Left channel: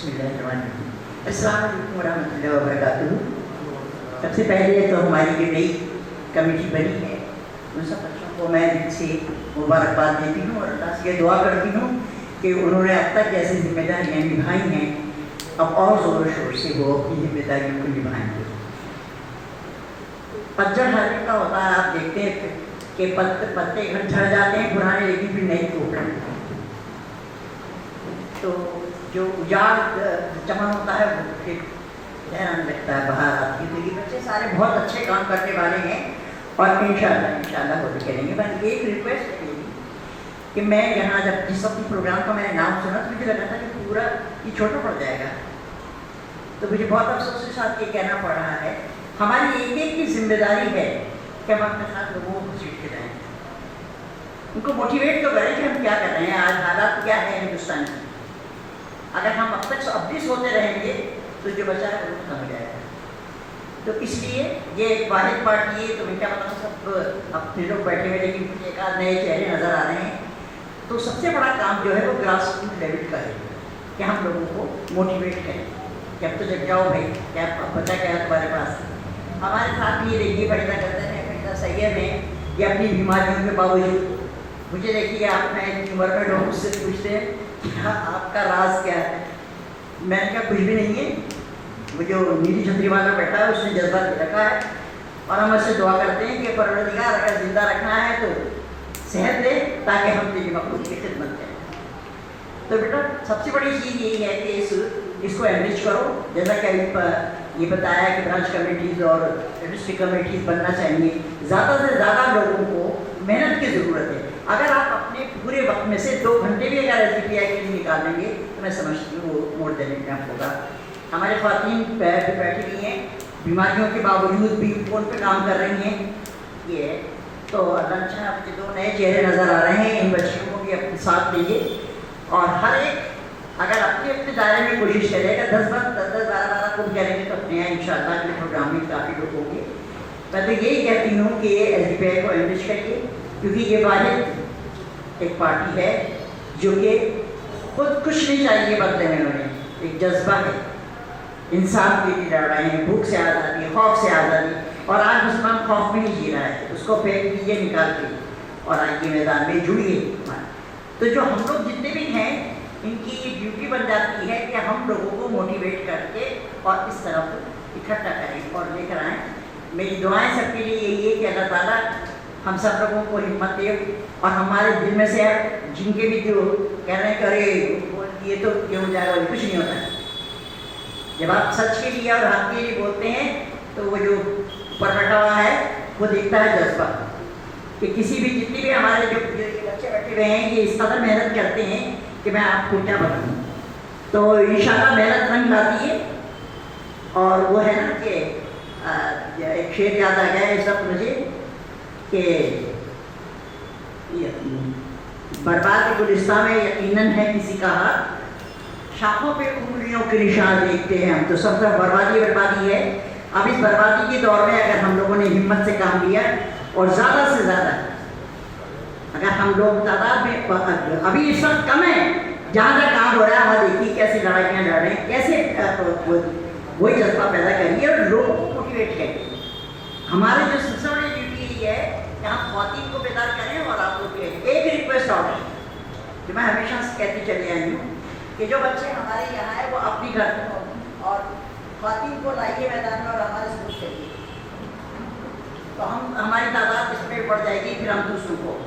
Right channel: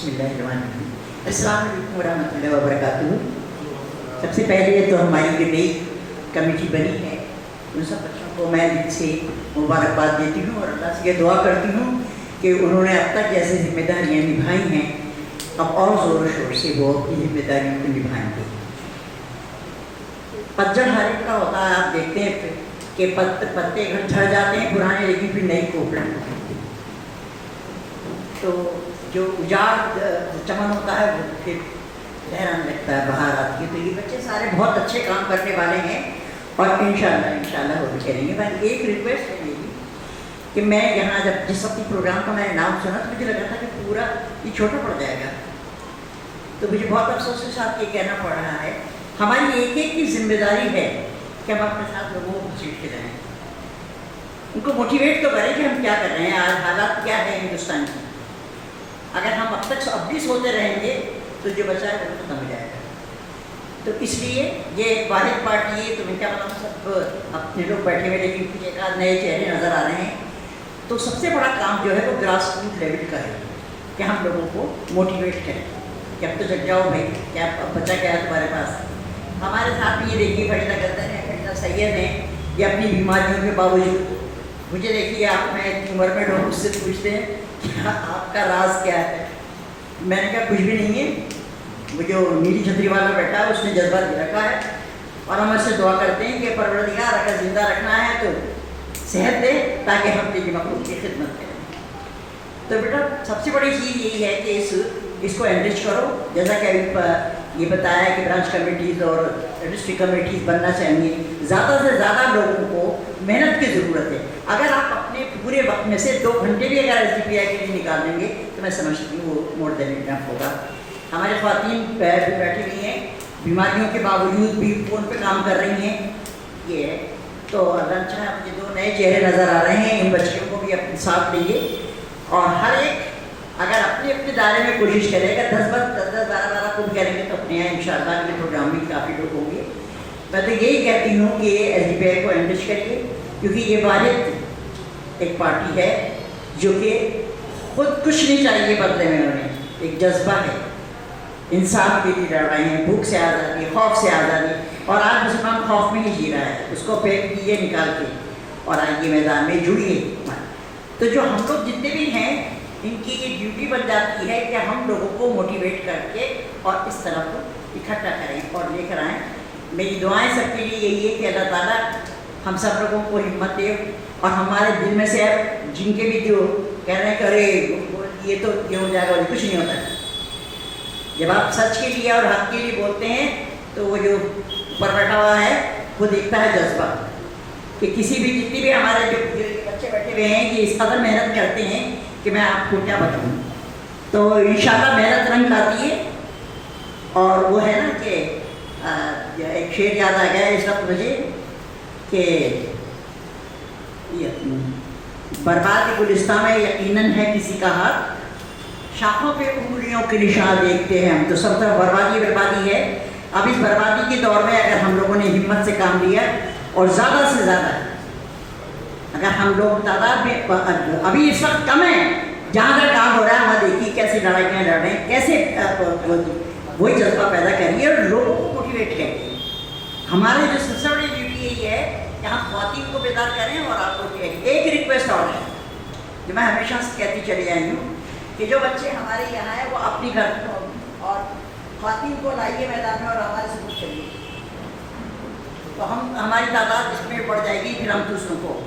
बिस्मिल्लाहिर्रहमानिर्रहीम। अस्सलाम वालेकुम वरहमतुल्लाहि वबरकातुहू। सबसे पहले तो हमारी जो नई कमेटी बनी है उन सब बच्चों को मैं दिल से मुबारकबाद देती हूँ और अल्लाह से दुआ करती हूँ कि उन्होंने अब तक जैसे जिम्मेदारियाँ निभाई हैं अब और ज़ोर शोर से वो अपनी जिम्मेदारियों को निभाएंगे। पतझड़ हर एक का होता है, आप देखते हैं कि पत्ते घर झड़ जाते हैं पुराने, लेकिन फिर नई पोपट होती है। तो जो उजाड़ चमन होता है वो फिर लहराने लगता है, बाहर आती है। तो ये बच्चे सारे बहुत अच्छे काम करने वाले हैं और इंशाल्लाह वो भी करेंगे। बस एक रिक्वेस्ट है मेरी कि मैं यहाँ जब जिस वक्त प्रोग्राम का मैंने नाम सुना तो मुझे लगा था कि पूरा ये छोटा पड़ जाएगा, तो मुझे बहुत अफसोस के साथ ये कहना पड़ रहा है हमारी एक एक की जिम्मेदारी है कि हम अपने साथ लोगों को सीट के जाएँ, उनको मोटिवेट तो करें कि हम क्या कर रहे हैं, आज हालात क्या है हिंदुस्तान की। अगर हम अब तक अब भी सोते रहेंगे तो जो बचा है वो खत्म हो जाएगा। तो इसलिए ये एक वाहिद पार्टी है, तो मैं क्या बताऊँ, सब अपने लोग बैठे हुए लेकिन एक आध नए चेहरे नज़र आ रहे हैं। तो सबसे बड़ा काम जो है वो ग्रास रूट लेवल का है कि हम लोगों को मोटिवेट करें कि अब तो जग जाओ भाई, क्या अब बचा क्या है तुम्हारे पास। हमारे साथ ये देखिए फरीदा गर्दन है, फरीदा सैयद हैं, ये अपनी बीमारियों के बावजूद, मुझे देखिए आप मैं इतनी उम्र में लोग मुझसे पूछते हैं कि आपका राज क्या है। मैंने कहा कुछ भी नहीं है, वो जो नीली छतरी वाला बैठा है उसने जज्बा दे रखा है और हम उससे दुआ करते हैं कि परवरदिगार अगर जिंदा रखना है तो सेहत दे ताकि हम तेरी मखलूक की खिदमत करें। तो बेटा सबसे बड़ी चीज़ यही है कि इसको एनरिच करो, जैसा कि अभी ये बताया कि ब्रांच कमेटीज़ और डिस्ट्रिक्ट कमेटीज़ बनना चाहिए। ज़्यादा से ज़्यादा लोगों को मेहनत की ज़रूरत है। अगर आप अपने पूरे वक्त में से 2 घंटे भी अगर SDPI के लिए निकाल देंगे तो मैं समझती हूँ वो मोर देन इनफ होगा। हमारे ख़वातीन बैठी हुई हैं, बीमारियों के बावजूद भी फ़ोन पे काम कर रही हैं, ये है। तो अल्लाह चाहे मुझे 2 नए चेहरे नज़र आ रहे हैं, इन बच्चियों को भी अपने साथ लीजिए और हर एक अगर अपने अपने दायरे में कोशिश करेगा, 10 12 को करेंगे तो अपने यहाँ इंशाअल्लाह के प्रोग्राम में काफ़ी लोग होंगे। मैं तो यही कहती हूँ कि SDPI को एनरिच करिए, क्योंकि ये वाहिद एक पार्टी है जो कि खुद कुछ नहीं चाहिए बदले में, उन्हें एक जज्बा है, इंसान के लिए लड़ रहे हैं, भूख से आज़ादी, खौफ से आज़ादी। और आज मुसलमान खौफ में ही जी रहा है, उसको फेंक दीजिए निकाल के और आइए मैदान में जुड़िए। तो जो हम लोग जितने भी हैं इनकी ये ड्यूटी बन जाती है कि हम लोगों को मोटिवेट करके और इस तरफ इकट्ठा करें और लेकर आएँ। मेरी दुआएं सबके लिए यही है कि अल्लाह ताला हम सब लोगों को हिम्मत दे और हमारे दिल में से जिनके भी जो कह रहे हैं करे ये तो ये हो जाएगा, वो कुछ नहीं होता है। जब आप सच के लिए और हक के लिए बोलते हैं तो वो जो ऊपर बैठा हुआ है वो देखता है जज्बा कि किसी भी जितनी भी हमारे जो बच्चे बैठे हुए हैं ये इस कदर मेहनत करते हैं कि मैं आपको क्या बताऊँ। तो इंशाल्लाह मेहनत रंग लाती है। और वो है ना कि एक शेर याद आ गया इस वक्त मुझे कि बर्बाद गुलिस्तान में यकीनन है किसी का हाथ, शाखों पे उंगलियों के निशान देखते हैं हम, तो सब तरफ बर्बादी है। अब इस बर्बादी के दौर में अगर हम लोगों ने हिम्मत से काम लिया और ज़्यादा से ज़्यादा अगर हम लोग तादाद में अभी इस वक्त कम है, जहाँ तक काम हो रहा है वहाँ देखिए कैसे लड़ाइयाँ लड़ रहे हैं, कैसे वही जज्बा पैदा करिए और लोगों को मोटिवेट करिए। हमारे जो सबसे बड़ी ड्यूटी यही है कि हम ख़वातीन को बेदार करें। और आपको एक रिक्वेस्ट और है जो मैं हमेशा से कहती चली आई हूँ कि जो बच्चे हमारे यहाँ हैं वो अपनी घर और ख़वातीन को लाइए मैदान में और हमारे सबूत चलिए, तो हम हमारी तादाद इसमें बढ़ जाएगी। फिर हम दूसरों को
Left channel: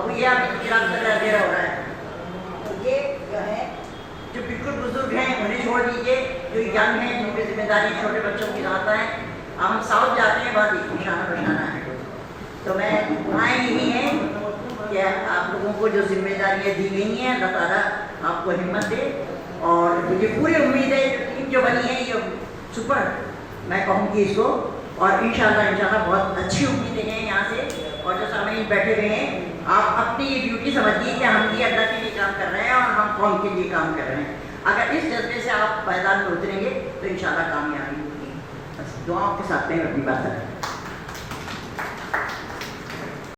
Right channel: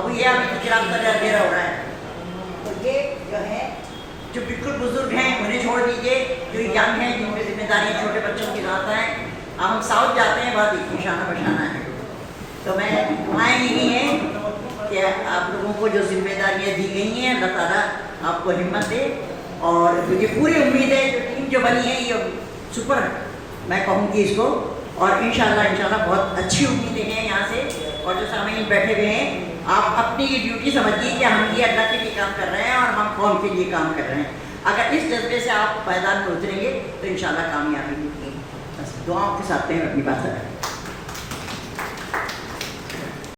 अब ये अभी गिराम का अंधेरा हो रहा है, तो ये जो है जो बिल्कुल बुजुर्ग हैं उन्हें छोड़ दीजिए, जो यंग हैं जिन पर जिम्मेदारी छोटे बच्चों की ज़रूरत है। अब हम साउथ जाते हैं बाद निशाना बशाना है। तो मैं दुआएं यही हैं कि आप लोगों को जो जिम्मेदारियाँ दी गई हैं अल्लाह ताला आपको हिम्मत दे। और मुझे पूरी उम्मीद है जो टीम जो बनी है ये सुपर मैं कहूँगी इसको, और इंशाल्लाह बहुत अच्छी उम्मीदें हैं यहाँ से। और जो सामईन बैठे हुए हैं आप अपनी ये ड्यूटी समझिए कि हम ये अल्लाह के लिए काम कर रहे हैं और हम कौम के लिए काम कर रहे हैं। अगर इस जज्बे से आप मैदान में उतरेंगे तो इंशाल्लाह कामयाबी होगी। बस दुआओं के साथ में अपनी बात करें।